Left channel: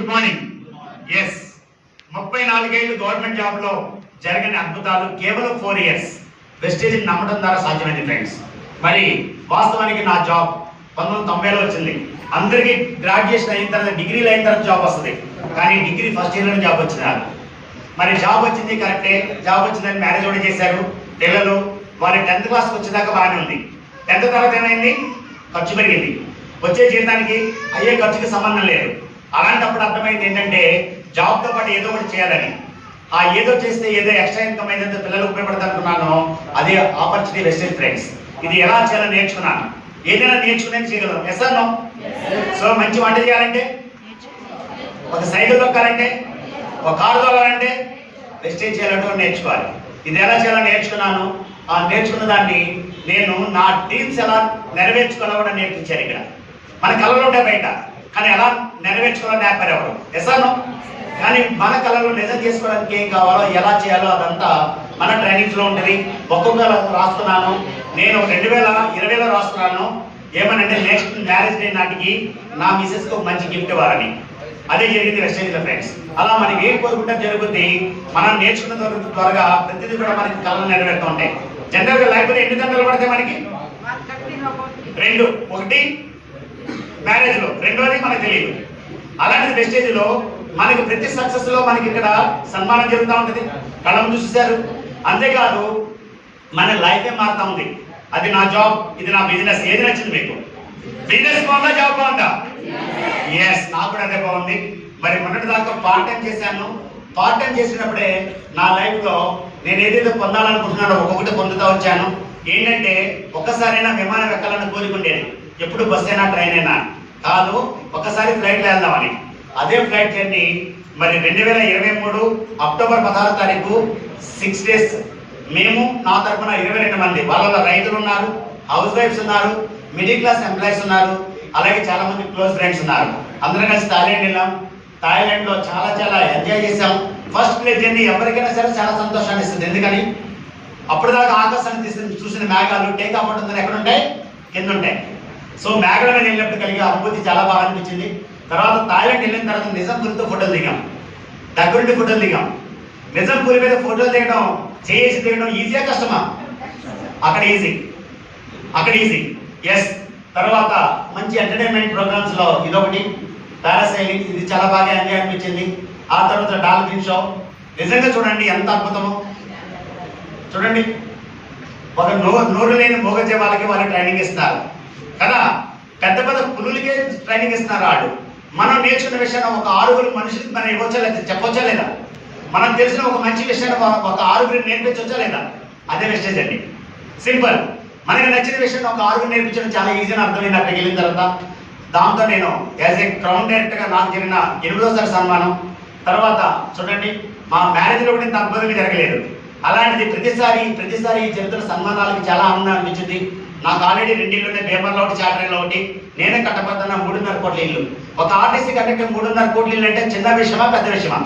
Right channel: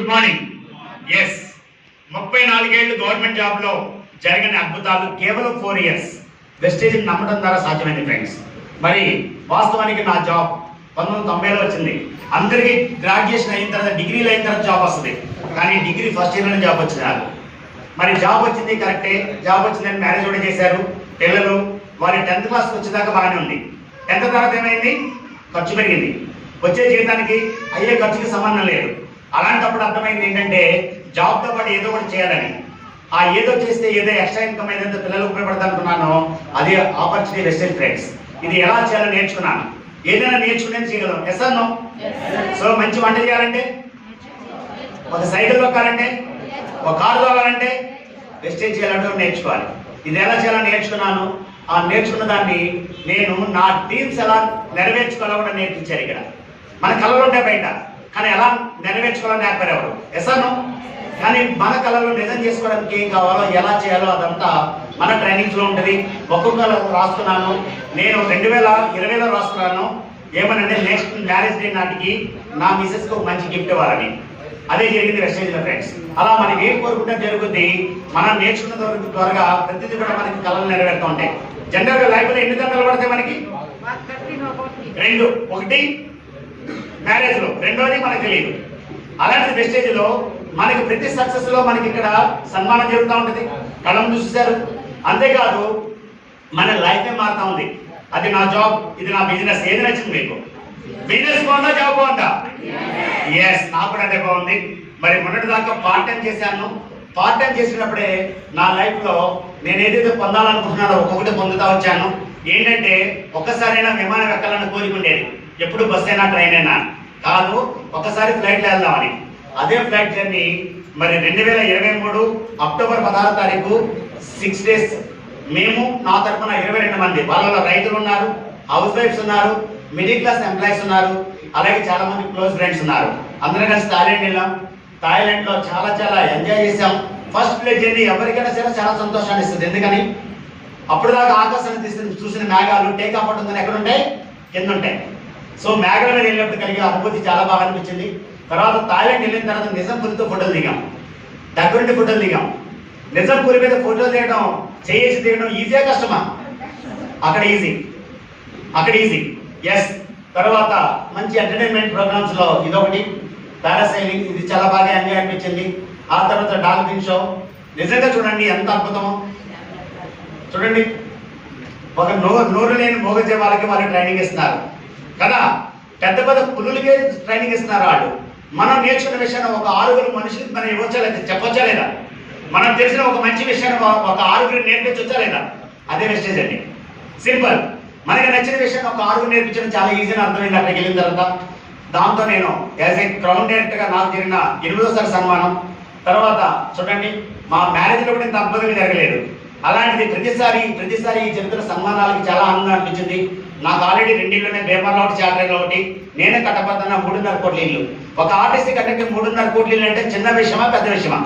Good morning. Yes, 34 ఏళ్ళు government job లో జరిగిన అద్భుతాలు కేవలం 4 ఇయర్స్ వెస్టేజ్ నమ్మడం ద్వారా సాధ్యమైంది ఫ్రెండ్స్. మరి వాస్తవానికి నా జాబ్ 1990లో వచ్చింది. అందరికీ గ్రాడ్యుయేషన్ అయిన తర్వాత డిగ్రీలు అయిన తర్వాత జాబ్ వస్తుంది, కానీ డిగ్రీ ఫస్ట్ ఇయర్లోనే జాబ్ వచ్చింది నాకు. మరి జాబ్ వచ్చింది కరెక్టే, జాబ్ వచ్చిందని మ్యారేజ్ కూడా చేశారు. పిల్లలు వారి 10th క్లాస్కి వచ్చేదాకా బాగానే ఉంది. 10th తర్వాత ఏమైంది? ఖర్చు పెరిగింది. వచ్చే జీతానికి అయ్యే ఖర్చుకి సంబంధం లేదు. అలాంటప్పుడు అర్థమైంది ఏంటంటే జాబ్తో పాటు ఏదో ఒకటి చేయాలని. ఆ ఏదో చేస్తే ఏదో ఎక్స్ట్రా ఇన్కమ్ ఏదైతే పిల్లలు ఉపయోగపడతా అనుకున్నానో అదే ఆపర్చునిటీ వెస్టేజ్ ఫ్రెండ్స్. ఇది ఎలా చేయాలో నేర్చుకున్నాను. ఏదైనా నేర్చుకునేది చేయగలం. Yes or no? సో మంచి వంట చేయాలంటే, ఒక సైకిల్ తొక్కాలంటే, ఒక కారు తోలాలంటే వెస్టేజ్ చేయాలంటే నేర్చుకోవాలి. ఇది ఎలా చేయాలో నేర్చుకున్నాను. ఆ నేర్చుకున్న దాన్ని నేను నా డ్రీమ్స్ ఎలా నెరవేర్చుకోవాలో కూడా నేర్పించారు. ఇక్కడ మన కళలు ఉంటాయి బయట, కానీ ఎలా నెరవేర్చుకోవాలని నేర్పారు. Yes or no? కానీ మన కళలు నిజం చేసుకోవడానికి ఏం కావాలో ఎలా చేయాలో అదంతా మన ట్రైనింగ్స్ లో ఉంటుంది. ఒక్కొక్క రాస్తున్నాను. నేను 2020లో రాస్తున్నాను. ఏమనంటే నెక్స్ట్ మ్యారేజ్ డే నాటికి నా మిసెస్ కు మంచి గిఫ్ట్ ఇవ్వాలని. అదే జరిగింది వెస్టేజ్ లో ఫ్రెండ్స్. అలా మనకి ఏం కోరుకుంటే జరుగుతుంది. మనం నేర్చుకున్న త్వరగా ప్రతిదీ కూడా మనకి కళలు నెరవేరుతూ ఉంటాయి. జనరల్ గా లైఫ్ లో ఎన్ని గంటలు పడతాయి మనకి? 2. ఒకటి మ్యారేజ్ లో, రెండోది మనకు తెలియదు. అలాంటి వెస్టేజ్ లో మనకి ప్రతి సక్సెస్ లో మనకి ఇక్కడ సన్మానం జరుగుతూ ఉంటుంది. కళం చూసారు. అంతేకాదు మన లైఫే మారుతా ఉంది. అది నా జాబ్, ఇది నా బిజినెస్. ఏది నచ్చింది మీకు? బిజినెస్ బాగుందా, జాబ్ బాగుందా? ఎస్, నాకు కూడా అదే బాగుంది. మరి మొన్నటి దాకా పార్ట్ టైం చేశాను. పార్ట్ టైం చేసినప్పుడే నా లైఫ్ లో నేను ఏదైతే పొందాలనుకుంటున్నానో ఒక్కొక్కటి పొందుతా వచ్చాను. ఏంటంటే ఒక్కసారైనా విమానం ఎక్కాలని కోరుకుండేది. ఎప్పుడు బస్ అయినా ట్రైన్ అయినా కాదు, ఒక్కసారి ఫ్లైట్లో వెళ్దామని. అదే ఫ్లైట్ జర్నీ మరి 2023 అక్టోబర్ 16 తారీఖు 6 డేస్ మేము నా తరఫున 22 మంది, వాళ్ళ రైతులు ఉన్నారు, హౌస్ వైఫ్స్ ఉన్నారు, మిడిల్ క్లాస్ ఎంప్లాయీస్ ఉన్నారు, అలాగే చాలా మంది క్లోజ్ ఫ్రెండ్స్ ఉన్నారు. అందరం కలిసి థాయిలాండ్ వెళ్ళాం. థాయిలాండ్ లో చాలా ఎంజాయ్ చేసాం. ఫస్ట్ ప్లేస్ జర్నీ ఎవరికైనా సరే చాలా సంతోషాన్ని ఇస్తుంది. ఎందుకని అప్పుడు దాకా ఆకాశాన్ని చూసిన మేఘాలు టేక్ ఆఫ్ అవుతుందని ఎక్కడ ఉంటాయి? కింద ఉంటాయి. సో మేఘాల మీద వెళ్ళినప్పుడు కలిగే అనుభూతి చాలా బాగా అనిపించింది. తర్వాత థాయిలాండ్ వెళ్ళిన తర్వాత నిజాంపూర్తో ఫోటోలు దిగాం. దగ్గరుండి ఫోటోలు దిగాం. నిజాంపూర్ మీద ఫోటోలు దిగడం, చేసి దిగడం ఈజీయా కష్టమా? అక్కడ ఈజీ. ఎస్. తర్వాత మంచి ఎంటర్టైన్మెంట్ ప్రోగ్రామ్స్ లో ఇదొకటి, పారాసైలింగ్, ఇది చాలా బాగా ఎంజాయ్ అనిపించింది. ఆ తర్వాత డాల్ఫిన్ షో. నిజంగా చూడండి ఎంత అద్భుతమో. చూడండి, ఒక నోరు లేని మూగజీవాలకి వాళ్ళు ట్రైనింగ్ ఇస్తున్నారు కదా. పెద్ద పులులకే ట్రైనింగ్ ఇస్తున్నారు వాళ్ళు. మనం నేర్చుకున్న విషయాన్ని ఒక 6 మనుషులకి మనం ఇవ్వచ్చా లేదా, చెప్పొచ్చా లేదా? మనం తెలిసిన ఒక మంచి విషయాన్ని ఒక 6 నేర్పించవచ్చా లేదా? అదే వెస్టేజ్ అండి. సింపుల్. మనకి నచ్చిన విషయాన్ని ఒక 6 నేర్పించడం చాలా ఈజీ అని అర్థమైంది అక్కడికి వెళ్ళిన తర్వాత. దాంతో నేను యాజ్ ఏ క్రౌన్ డైరెక్టర్ గా నాకు జరిగిన 8వ సన్మానం. తర్వాత చూడండి, మా మ్యారేజ్ లో కూడా ఇంత అద్భుతంగా జరగలేదు. అలాంటిది ప్రతిసారి ఈ జరుగుతున్న సన్మానాలకి చాలా ఆనందం అనిపించింది. నాకు ఆల్రెడీ 2 ఇళ్ళున్నాయి. పేపర్లో ఒకటి, చార్టర్లో ఒకటి. నేనే కట్టబద్దన్న 3.5 కోట్ల ఇల్లు. ఒక ఆర్టీసీ కండక్టర్ 3.5 కోట్ల ఇల్లు అంటే చిన్న విషయమా, పెద్ద విషయమా?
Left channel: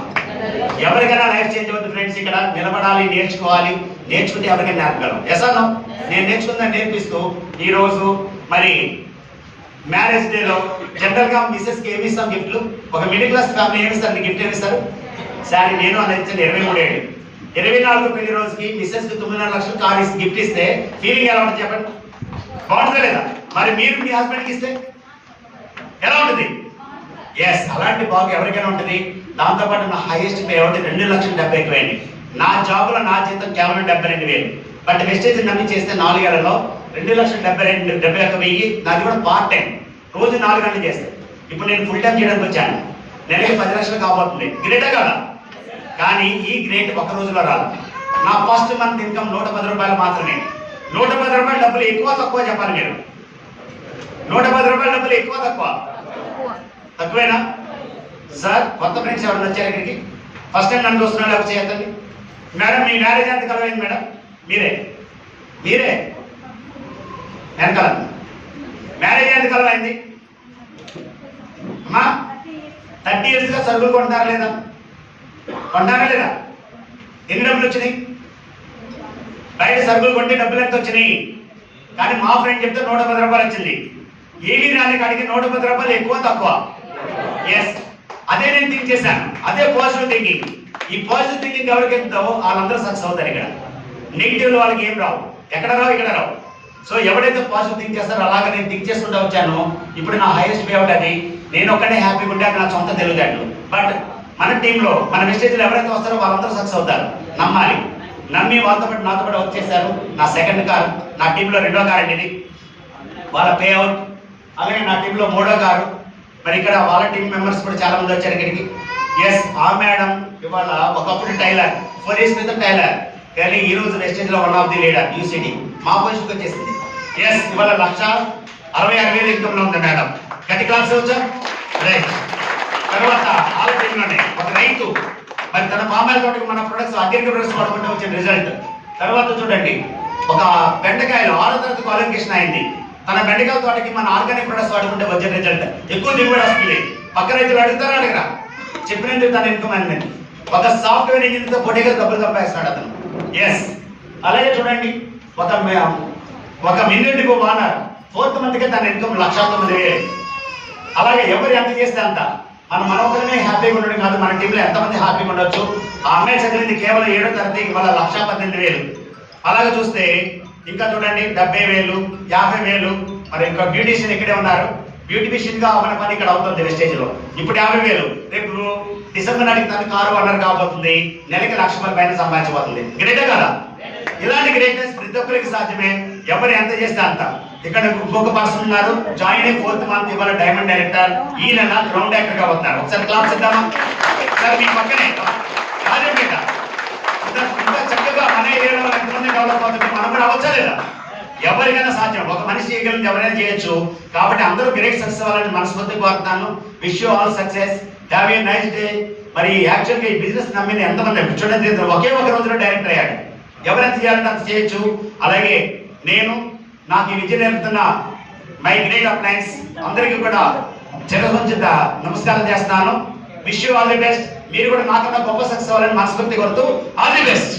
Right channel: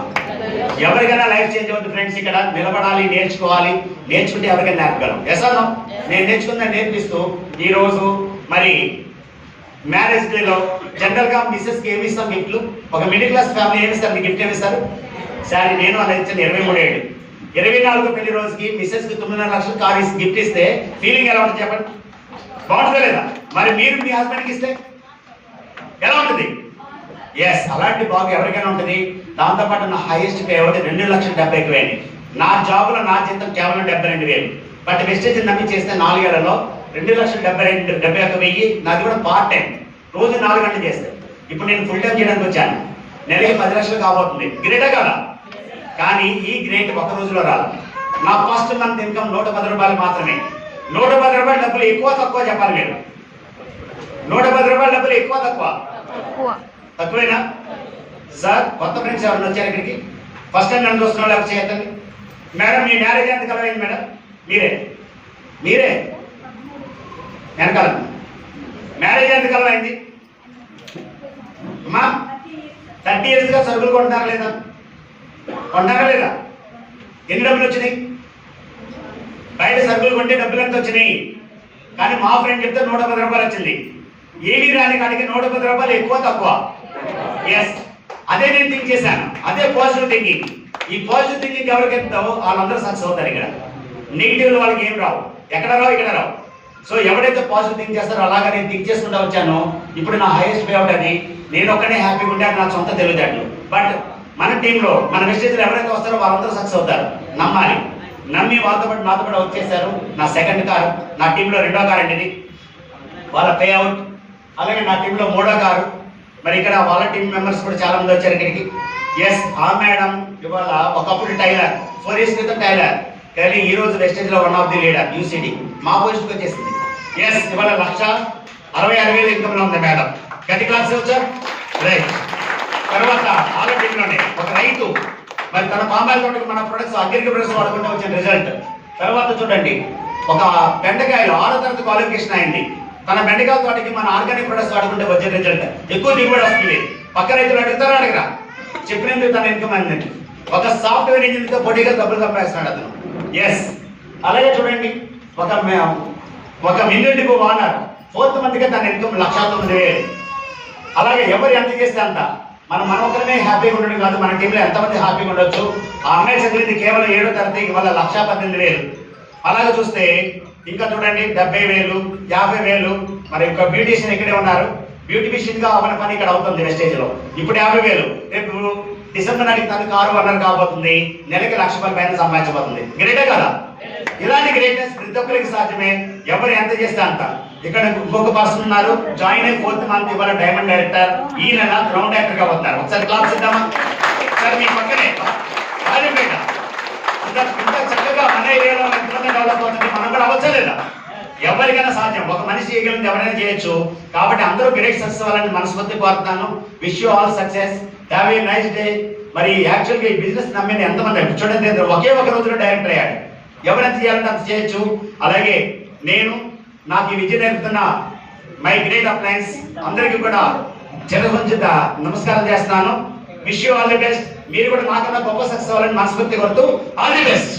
ఎవరికైనా లైఫ్ చేంజ్ అవుతుంది ఫ్రెండ్స్. ఇక్కడ నిలబడాలి, నేర్చుకోవాలి. నేర్చుకుంటే ఎవరికైనా నేర్పగలం. ఎస్ అన్నా? నేను నేర్చుకుందా నేర్పిస్తూ ఈ రోజు మరి మ్యారేజ్ డే లో జనరల్ గా మిసెస్ కి ఏమి ఇస్తాం గిఫ్ట్లు? ఒక మిడిల్ క్లాస్ ఫ్యామిలీ ఏమిస్తారు? గిఫ్ట్ ఏమిస్తారు? సారీ, నేను అలా ఇచ్చాను. 23 ఏళ్ళు. 24వ పెళ్లి రోజుకి మిసెస్ కి 9.5 లక్షలు కారు గిఫ్ట్ ఇస్తే ఫీలింగ్ ఎలా ఉంటుంది చెప్పండి? బాగుంటుందా లేదా? మరి మీరు మీ హస్బెండ్కి ఇస్తే ఎలా ఉంటుంది? ఎస్, అలాంటి బాగు ఎవరికైనా ఉంటుంది. దాంతోపాటు నా హైయెస్ట్ పే అవుట్ 2,70,000 నా జాబ్ లో నా జీతం కేవలం 72,000. బట్ వెస్టేజ్ నమ్మి చేస్తే 4 ఏళ్లలో 2,71,000. నాది కూడా పార్ట్ టైం, రోజు 4 గంటలు చేస్తే. ఇప్పుడు నేను ఫుల్ టైం చేయడానికి వచ్చాను. నెలకి 10 లక్షలు కాబోతుంది. గ్రేటే కదా? కానీ ఈ గ్రేట్ ఒక రోజులో రాదు. నా ఫస్ట్ మంత్ ఇన్కమ్ 110 రూపాయలు మాత్రమే. 110 రూపాయల డబ్బులు ఎక్కువ తక్కువ చెప్పాలి మీరు. 110 రూపాయల డబ్బులు ఎక్కువ తక్కువేనా? సార్, కొత్త ఫ్రెండ్స్ ఎవరైనా వచ్చారు ఇక్కడికి? ఫస్ట్ టైం నన్ను చూస్తున్నాడు, అవి చేయతండి. మేడం, మీ మ్యారేజ్ ఎంత కలవైంది మేడం? మీరే వెనకాల మ్యారేజ్ ఎంత కలవైంది అమ్మా? 30 years గా సరుకులు కొంటున్నారా లేదా? ఎన్ని డబ్బులు వచ్చినాయి? బయట సరుకులు కొంటే డబ్బులు ఎంత వచ్చినాయి? కానీ మా ఫ్రెండ్ చెప్తే 110 రూపాయలు వచ్చింది. ఏమీ రాని కాడికి 110 రూపాయలు ఎక్కువ తక్కువ? ఎస్. అదే నేను థింక్ చేశాను, అదే పాజిటివ్ థింకింగ్. ఈ పాజిటివ్ థింకింగ్ ఎవరికి ఎంతో వాళ్ళందరూ సక్సెస్ అవుతారు. ఇక్కడ నెగిటివ్ వాళ్ళకి ఏం రావు, ఎక్కడ రావు, ఇక్కడ రావు. సో ఎవరైతే పాజిటివ్ థింక్ చేస్తారో అలాగా నేను థింక్ చేసుకుంటూ వచ్చాను. ఇప్పుడు నా హైయెస్ట్ పే అవుట్ అది. నేను ఒక్కనే హ్యాపీగా ఉంటే అది నా సొంత తెలివితేటలు. బట్ మన టీంలో మన వెస్టేజ్లో ఎవరైతే వస్తారో వాళ్ళందరూ సక్సెస్ అవుతారు. నమ్మాలి. నమ్మి వాళ్ళతో పాటు నాతో పాటు వచ్చేసారు. నా సెకండ్ కారు, నా టీంలో రెండో కారు అండి ఇది. వాళ్ళ పే అవుట్. అలాగే నా టీంలో మూడో కారు. మరి ఇక్కడ వాళ్ళ టీం మెంబర్స్ కూడా చాలా మంది వచ్చారు ఇక్కడికి. ఎస్, ఆ మేడం ఇవాళ ఒకప్పుడు టైలర్, 4 years క్రితం టైలర్, కానీ ఈ రోజు వెస్టేజ్ లో one of the leader uCT మా పొజిషన్కి వచ్చేసింది. ఎస్, ఇవాళ 1,66,000 ఇన్కమ్ లో ఉంది మేడం. గట్టి క్లాస్ వచ్చా. రైట్. తర్వాత వాళ్ళ టీంలోనే ఒక రైతు, మరి తన పామాయిల్ తోటకి మన ప్రొడక్ట్స్ అగ్రికల్చర్ ప్రొడక్ట్స్ వాడుకుంటే వచ్చిన రిజల్ట్. తర్వాత చూడండి, ఒక బెండకాయలు 6వ తరగతి క్వాలిఫికేషన్ అయింది. తన బెండకాయ తోటకి మన ఆర్గానిక్ ప్రొడక్ట్స్ వాడుకుంటే వచ్చిన రిజల్ట్. ఎక్కువ దిగుబడి వస్తుంది. పక్క రైతులు అడుగుతారా అడగరా? చెప్పినందుకు తన ఇన్కమ్ అయిందండి. ఒక సాఫ్ట్వేర్ ఇంజనీర్ తో పోటీగా డబ్బులు సంపాదిస్తున్నాడు అతను. ఎస్. అలాగే చూడండి, ఒక మిలియన్ డిపో ఓనర్ 4th మంత్కే తన ఇన్కమ్ 1,09,000. అలాగే ఎవరు ఎంత చేస్తే అంత. మన ఒకరినే హ్యాపీగా ఉండడం కాదు, మన టీంలో ఎంతమంది హ్యాపీగా ఉండొచ్చు. ఆ అమ్మాయి చదివింది కేవలం 7వ తరగతికి వాళ్ళ 1,18,000. అలాగే చూస్తే ఇంకా చూడండి 70,000, 50,000. మరి ఇంకా బ్యూటీషియన్ ఇక్కడే ఉన్నారు. బ్యూటిఫిషియన్ గా అవన పని ఇక్కడ అవుతుంది వెస్టేజ్ లో. ఇప్పుడు 50,000. రేపు డిసెంబర్ నాటికి తన కారు ఓనర్ కాబోతుంది. నెలకి 1,00,000 రూపాయల పైన సంపాదించబోతుంది. గ్రేటే కదా? ఇలాంటి గ్రేట్నెస్ ప్రతి ఒక్కరికి సాధ్యమే, ఎవరు ఎంత చేస్తే అంత. ఇక్కడ ఇంకొక పర్సన్ ఉన్నారు, జాయిన్ అయ్యి 4th మంత్ ఇవాళ డైమండ్ డైరెక్టర్. ఈ నెల గ్రౌండ్ డైరెక్టర్ గా వస్తారు. ఒకసారి క్లాస్ ఇద్దామా సార్? మీ పక్కనే రాజంపేట. ఇంకా చక్కగా మన ఏరియాలో ఎంతమంది డెవలప్ అవుతుంది, మనం కూడా అవ్వచ్చా లేదా? ఎవరికైనా సాధ్యం. ఒక మనిషి చేయగలిగింది ఎవరైనా చేయొచ్చు. కాబట్టి అందరూ గ్రేట్ సక్సెస్ అవ్వాలని మనస్ఫూర్తి కోరుతాను. Wish you all success. Have a nice day. మరి యాక్చువల్గా ఈ బిజినెస్ నమ్మిన ఎంతమంది చూడండి, ఒకే ఒక రోజులో డైరెక్టర్ అయ్యాడు. ఎవరైనా చేయాలంటే అంత చేయొచ్చు. అలాగే నాకు ఈ విద్య నేర్పుతున్న మై గ్రేట్ అప్లయన్స్ అందరికీ కూడా చిరసంచిత నమస్కారం చేస్తున్నాను. Wish you all the best. మీరు కూడా నాకన్నా గొప్ప సక్సెస్ అవ్వాలని మనస్ఫూర్తి కోరుతూ ఆల్ ది బెస్ట్.